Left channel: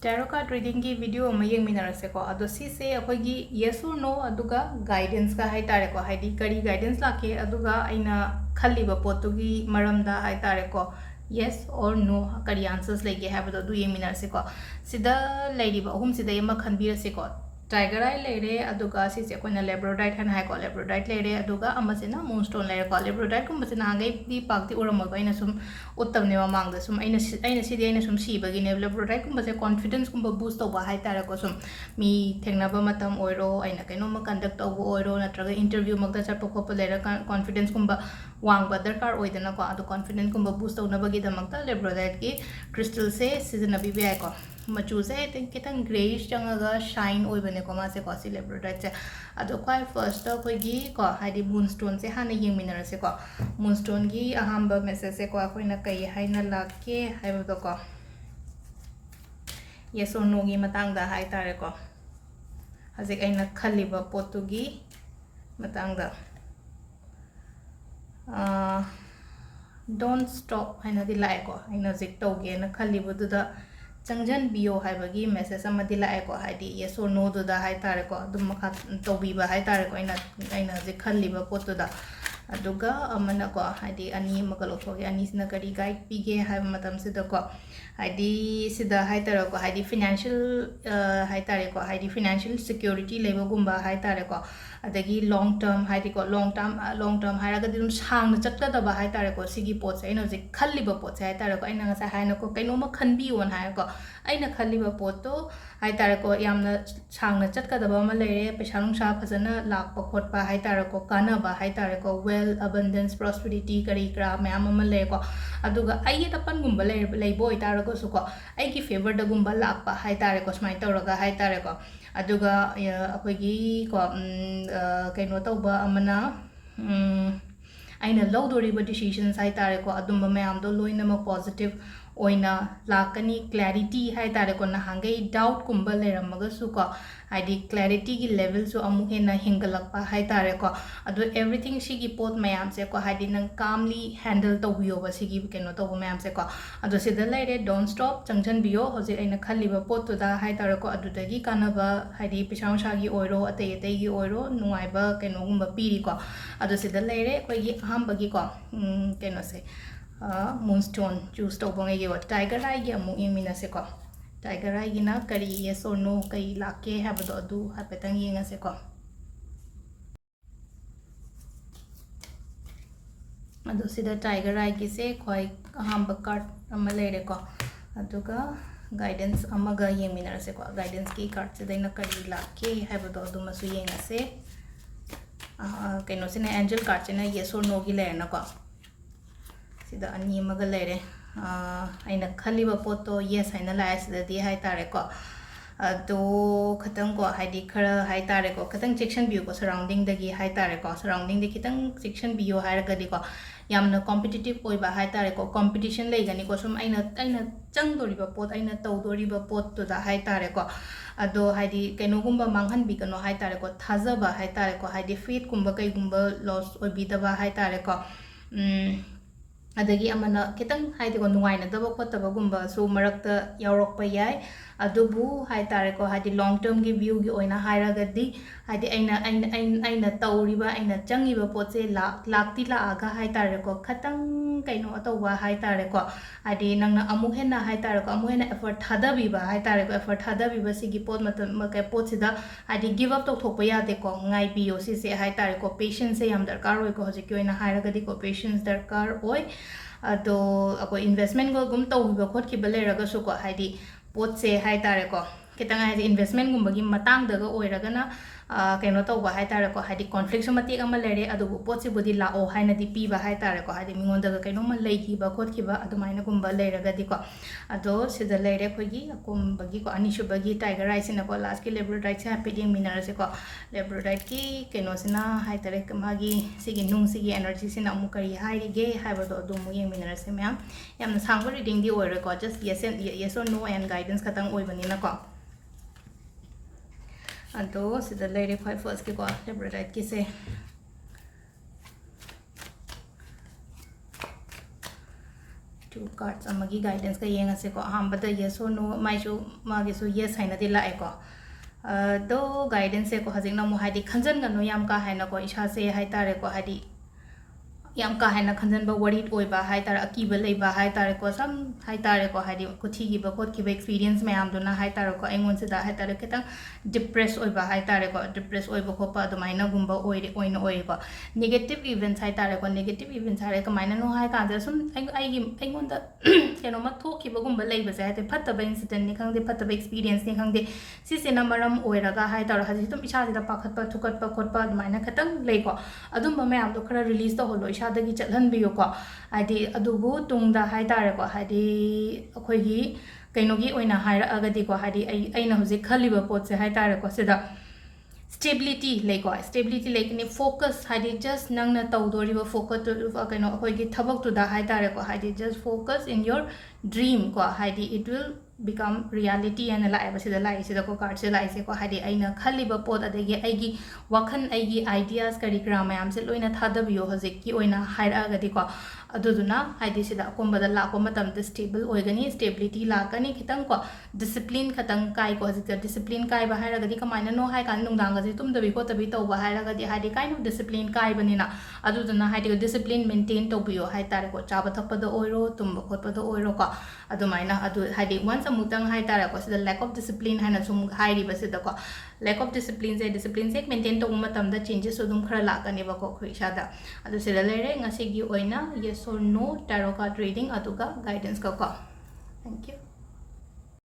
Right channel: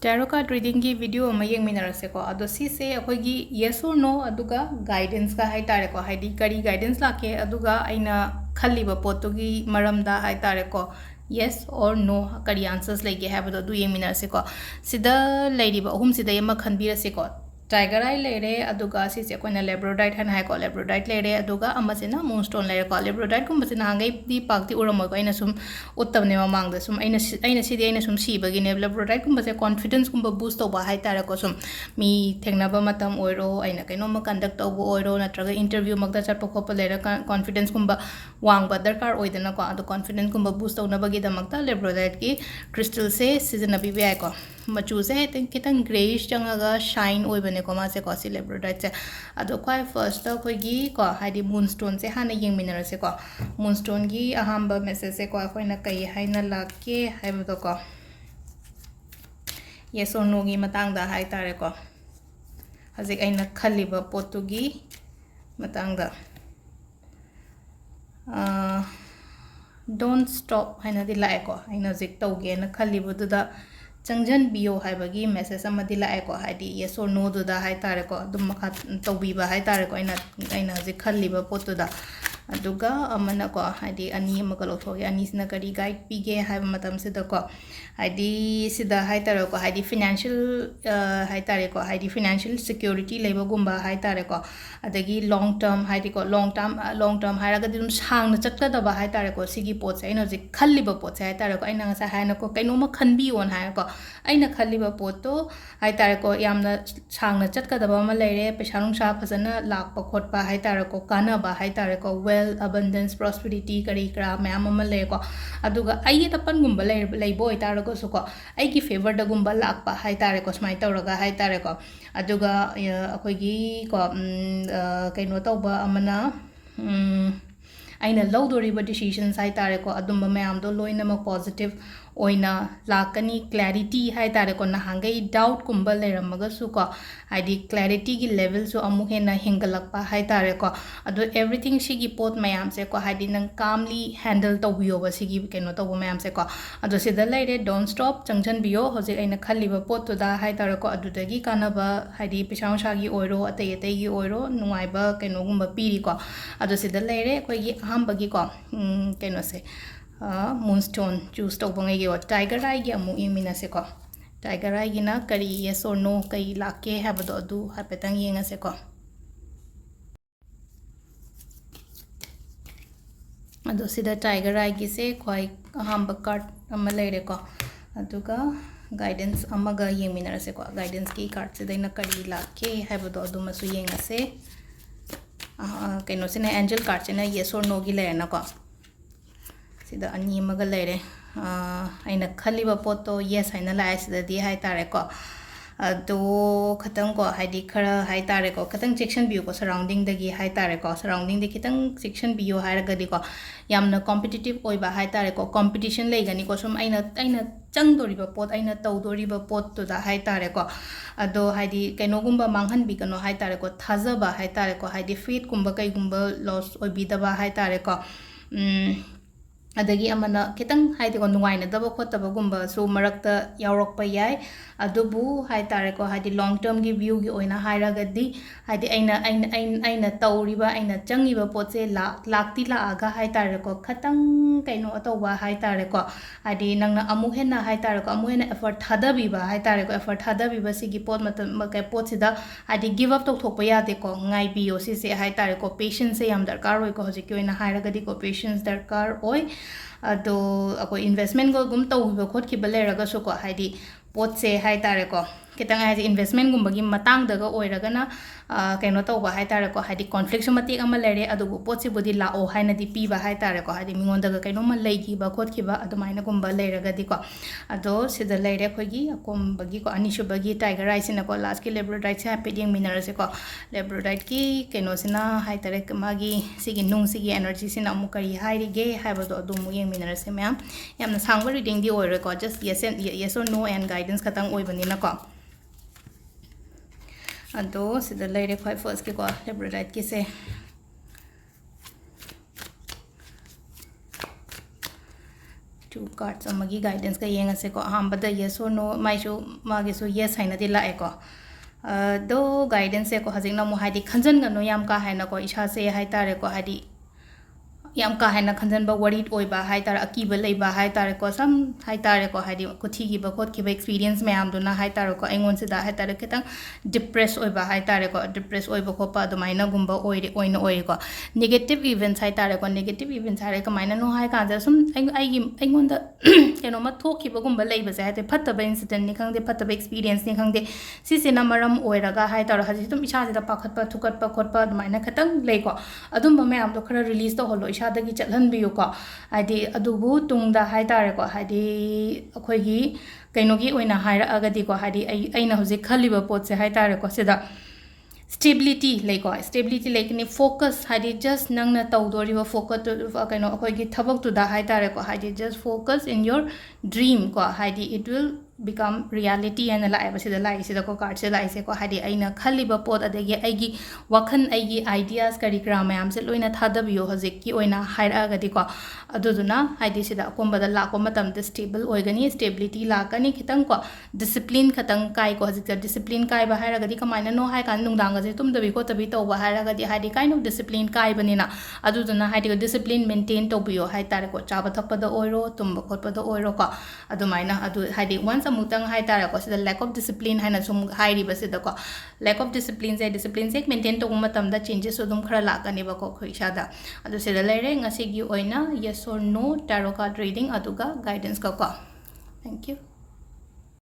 Tarot card reading ki video ama yeng minarase ko ado si se akogi yes or no aduga guidance ka hai tare ko haidi kari guidance la ke aduga aina khalli ba potu gi maram da hai tare ko yes or no kari answers lege hai ba du yeng minarase ko sida lady ba hum sida yema khanbirase ko tiger eye lere aduga si se ko na labradorite han hai ko labradorite lere aduga amasina moonstone lere ko labradorite kum basina ngai di pakti uramo ko ina sum uttam ne mamang da sum aina si di aina sum si bagi ne labradorite kum base confidence kum boost to ba hai tara ko sum mi thengna ba matam oiro aina kaino ma conduct to oiro natraga interview magda chat pa ko lere confidence kum ba wang ba darkar oidana ko adu confidence kum boost to na bagi da magta labradorite ki crystal se season abi bi ai ko machu se kitang grayish changaga shine oibane ko ma se ko si labradorite se ado kwai first ta ko gi ko haidi moonstone se hana yeng minara se ko moonstone gi ahamba message se ko akoina kai haina lakke haibo ko yes or no gi matang da hai tare ko hazik aina khaliba potugi matang da don't stop haina di lai ko aina zik tauge na khalibu da changjan bio haibagi message amadi la ko haidi yes or no do da hai tare ko dum makha tobi ba hai tare ko aina je khalli ba potu da aduga amana ko haidi ani makalo thogi ani sina kari guide pige hai matam se da ko haidi sida hai tare ko haidi financial hai tare ko haidi financial security leba gumba hai tare ko adagi long term haidi ko long term hairaga dum sang na chatta da ba hai tare ko sigi pot sai na je khalli ba pot sai tare ko aina sa hai na ko kaino ma khanbi on hai ko aina khaliba poto hai tar ko yamna changna chatkadaba ma lere paisa nungsa phajana lakpa khotpa hai tar ko kana ba hai tar ko wealth abundance prosperity kari kra mayam ma le ko aduga ai ta pan gumba lei boy tar ko su ko ai ki favor da gumba lakpa hai tar ko smai tawraga hai tar ko aduga akoi gi ko kaino tawba amana aina lawdoriba decisions hai tar ko adumba mayam do loina ma positive oina lakani clarity hai tare ko na hangai doubt kumba leramaga su ko haidi clarity gi level so amu hena hingalakpa hai tare ko ado everything sigi pot mayam se ko haidi nang calmly handle to biyo ba sigi keno to mayam se ko ado sida leire don't stop changjan biyo hoje aina khali ba pot to da hai tare ko adu dagi kana ba haidi pisang sagi oiro atei atei gi oiro nungai ba keno gumba piri ko ado sida leire ko gi aham bagi ko keno se moonstone choose to bangai yo tiger eye gi amu imina se ko tiger eye gi na kari yes or no kai lake have do adu hapetang yenga se ko adu sida tiger eye gi se khoi ahamba card ama leire ko aduga guidance amaga yemina se ko guidance ki card se daina kari lake have do adu masu yenga se kaino sine angel card se na yes or no gi le na ko sida ani maga lere aina khaliba poto yes haina la sida di hai tare ko ado khatang ko haidi khara hai tare ko khatang section view ko surrounding dagi hai tare ko surrounding de kitang section view hai ga di ko yamna competitive oi ba hai tare ko competition lei gani ko sum aina chang dori ba pot aina tau dori ba pot to da hai tare ko ado haidi kaino gumba manghan bi kano hai tare ko thaza ba hai tare ko haidi faith gumba kai gumba loss oi bi da ba hai tare ko adagi amana kitang haidi ko nungaina daba khotaba gumba so marakta yaurokpa yai adubu hai tare ko haidi long term gi view gi oina hairagadi haidi aina tauriba aina changiba potse lakti la aga hai tare ko khatang kaino atawa hai tare ko haidi nangna amu hena hai tare ko amu hena effort thadabiba hai tare ko effort thadabiba sigi pot matam ka pot sida haidi give up to thokpa yate ko ngai biyo si se hai tare ko patience se yam darkar oi ko hoje ki oina hairagadi ko patience darkar oi ado ako investment go gum to bi khot ki bale raga su ko haidi pot se hai tare ko kitang haidi investment gum bagi matang daga oiraga na kaino to ba hai tare ko haidi conflict su mati ama lere adu pot si bodi la o haina di pi ba hai tare ko haidi mingon daga kaino ma lei ki ba khot ki ba adu maina gum ba le raga di ko ado sida leire khogi akom bagi ko ani su bagi tiger eye sina ko last ki labradorite se happy ding mineral se ko labradorite ki kaino sina hai tare magi sigi nung sigi energy sina amu kari hai ri ge hai ba do adu mu yeng mineral se ma'am yamna sangwa reading di oire ko just yes or no and guidance khatang oi bani na ko ado sida leire khoi first ki ko labradorite ki se two cards amagi guidance ka yengase ko ahambada yes or no maisu magesu yes haina di lae ko do guidance ko hajing na mo hadi khanjan ga no yam ka haina ko isha se hai tare ko hadi yam ka haina khanjan ba worried oi ba hai tare akiba lei ba hai tare ko sam hai tare ko hadi ko thi gi ba khot ki ba experience me am do na hai tare ko engon se da hai tare ketang depress oi ba hai tare ko depress oi ba ko pa do maina gumba oi ri oi na oi ko negative events hai tare ko negative events hare ka maina no hai ka ja sum ai gi engon da keno ma thok ki ba gumba lei ba ja te phatta ba incident ni khang de phatta ba experience ni khang de si se na maram oi ra ga hai tare hadi tum isha ji da pakhat pa thukat pa khot pa maina khatang lei ko adum ba me am do khara release to holo isha ꯗꯒꯤ ꯆꯠꯍꯟꯕꯤꯌꯨ ꯀꯣ ꯍꯥꯏꯗꯤ ꯑꯗꯨꯕꯨ ꯇꯨꯡꯗ ꯍꯥꯏꯇꯥꯔꯦꯀꯣ ꯍꯥꯏꯗꯤ ꯑꯩꯈꯣꯏꯒꯤ ꯀꯩꯅꯣꯒꯤ ꯑꯣꯏꯅ ꯍꯥꯏꯔꯛꯑꯒꯗꯤꯀꯣ ꯍꯥꯏꯗꯤ ꯑꯩꯅ ꯍꯧꯖꯤꯛ ꯈꯜꯂꯤꯕ ꯄꯣꯠꯁꯦ ꯍꯥꯏꯇꯥꯔꯦꯀꯣ ꯁꯤꯗ stability ꯂꯩꯀꯣ stability ꯂꯩꯒꯅꯤ focus ꯍꯥꯏꯗꯤ just ꯅꯪꯅ ꯇꯧꯗꯣꯔꯤꯕ focus ꯀꯩꯅꯣ ꯑꯩꯈꯣꯏꯒꯤ ꯊꯕꯛꯇꯨꯗ ꯍꯥꯏꯇꯥꯔꯦꯀꯣ ꯍꯥꯏꯗꯤ just focus in your dream ꯀꯣ ꯍꯥꯏꯗꯤ it will become reality ꯍꯥꯏꯅ ꯂꯥꯛꯑꯦꯕ ꯁꯤꯗ ꯂꯥꯛꯏꯁꯤꯗꯀꯣ ꯀꯥꯔꯠꯁꯦ ꯂꯥꯛꯏꯁꯦꯀꯣ ꯍꯥꯏꯗꯤ ꯑꯩꯅ ꯈꯜꯂꯤꯕ ꯄꯣꯠ ꯑꯗꯒꯤ ꯑꯩꯒꯤ ꯋꯥꯈꯜ ꯑꯩꯒꯤ ideas ꯀꯔꯤ ꯀꯔꯥ ꯃꯌꯥꯝꯁꯦ ꯂꯣꯏꯅ ꯊꯥꯗꯕꯤꯌꯣ ꯍꯧꯖꯤꯛꯀꯤ ꯑꯣꯏꯅ ꯍꯥꯏꯔꯛꯑꯒꯗꯤꯀꯣ ꯑꯗꯨꯗꯨꯅ ꯍꯥꯏꯗꯤ ꯁꯤꯗ ꯑꯀꯣꯟꯕꯗ ꯂꯥꯛꯄ ꯃꯇꯝꯗ stable ꯑꯣꯏꯒꯅꯤ stability ꯂꯥꯛꯀꯅꯤ ꯈꯤꯇꯪꯀꯣ discipline ꯈꯇꯪ ꯀꯥꯏꯀꯣ ꯍꯧꯖꯤꯛꯇ discipline ꯀꯥꯏꯕ ꯍꯥꯏꯔꯒꯗꯤ ꯀꯃꯥꯏꯅꯅꯣ ꯍꯥꯏ ꯀꯥꯟꯗ ꯅꯨꯡꯗꯥꯡꯒꯁꯦ ꯇꯨꯝꯗꯕꯤ ꯈꯣꯠꯇꯕꯤ ꯇꯧꯕ ꯍꯥꯏꯔꯒꯗꯤ ꯍꯥꯏꯗꯤ kind of discipline ꯀꯥꯏꯕꯅꯤꯅ ꯑꯗꯨꯗꯨꯅ ꯍꯥꯏꯗꯤ discipline maintain ꯇꯧꯕꯤꯌꯣ ꯍꯥꯏꯇꯥꯔꯦꯀꯣ ꯆꯥꯕ ꯊꯛꯄꯗ ꯑꯣꯏꯔꯣ ꯇꯨꯝꯕ ꯈꯣꯠꯄꯗ ꯑꯣꯏꯔꯣꯀꯣ ꯑꯗꯨꯃꯥꯏꯅ ꯑꯗꯨ ꯍꯥꯏꯗꯤ once ꯑꯃꯨꯛꯇꯪ ꯍꯥꯏꯇꯥꯔꯦꯀꯣ ꯁꯤꯗ lack of discipline ꯍꯥꯏꯅ ꯁꯨꯝ ꯍꯥꯏꯔꯤꯕꯁꯤꯗꯀꯣ lack of discipline say maintain ꯇꯧꯕ ꯃꯇꯝꯗ changes ꯑꯗꯨꯝ ꯈꯔ ꯂꯥꯛꯀꯅꯦꯕꯀꯣ ꯑꯩꯈꯣꯏ ꯏꯁꯥꯗ ꯑꯗꯨ ꯁꯤꯗ ꯂꯩꯔꯦ ꯉꯁꯤꯒꯤ ꯑꯣꯏꯅ yes or no tarot card reading ꯑꯗꯨꯒ guidance ꯀꯣ thank you